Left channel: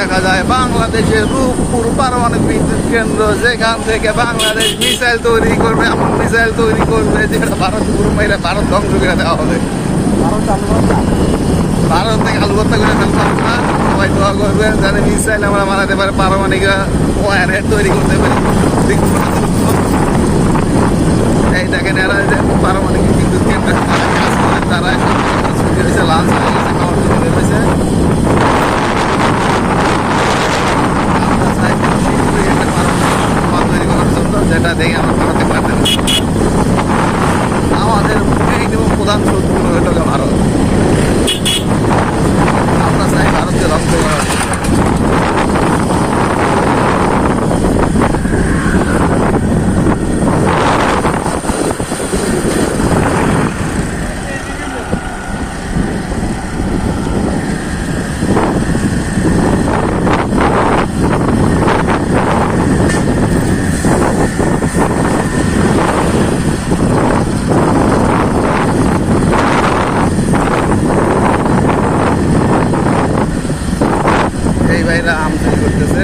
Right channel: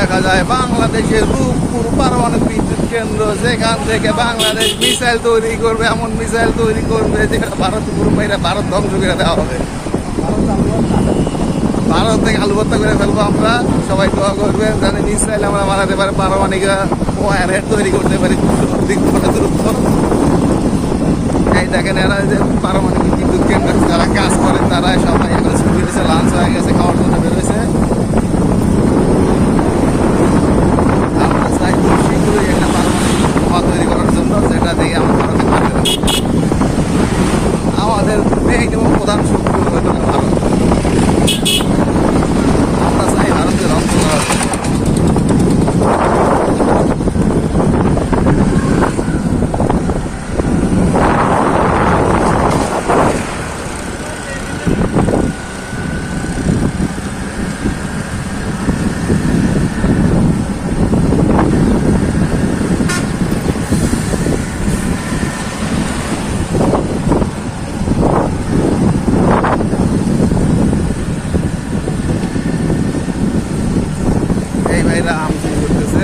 দেখা যায় বাংলাদেশের রূপপুর পারমাণবিক বিদ্যুৎ কেন্দ্র, যেখান থেকে বাংলাদেশ মিসাইল তৈরি করবে, এমন মিসাইল তৈরি করবে যেটা ভারত পুরো মেয়েরা ভারত ধ্বংস করে দেওয়া হবে। ভারত থেকে আলু ভর্তা করে ফেলবো আমরা। সবাই দোয়া করবেন যেন মিসাইল আমরা মারাতে পারে, পারমাণবিক ওয়ারহেড তৈরি করতে পারি। এই দেখেন এরা যে পারমাণবিক বিদ্যুৎ কেন্দ্রে যারা কাজ করেন তারা সামনে ছুটি হয়েছে, লাঞ্চ হয়ে গেছে, খাওয়ার জন্য বের হয়েছে। আমরা চাই খুব শীঘ্রই একটা পারমাণবিক বোমা তৈরি করার জন্য, যেটা দেখে আমরা ভারতে পারতে পারি। আমাদের মেইন এবং প্রধান শত্রু হইল ভারত। আমরা চাই ভারতকে ধ্বংস করার জন্য। এই ভাইরা আম চুরি করতেছে।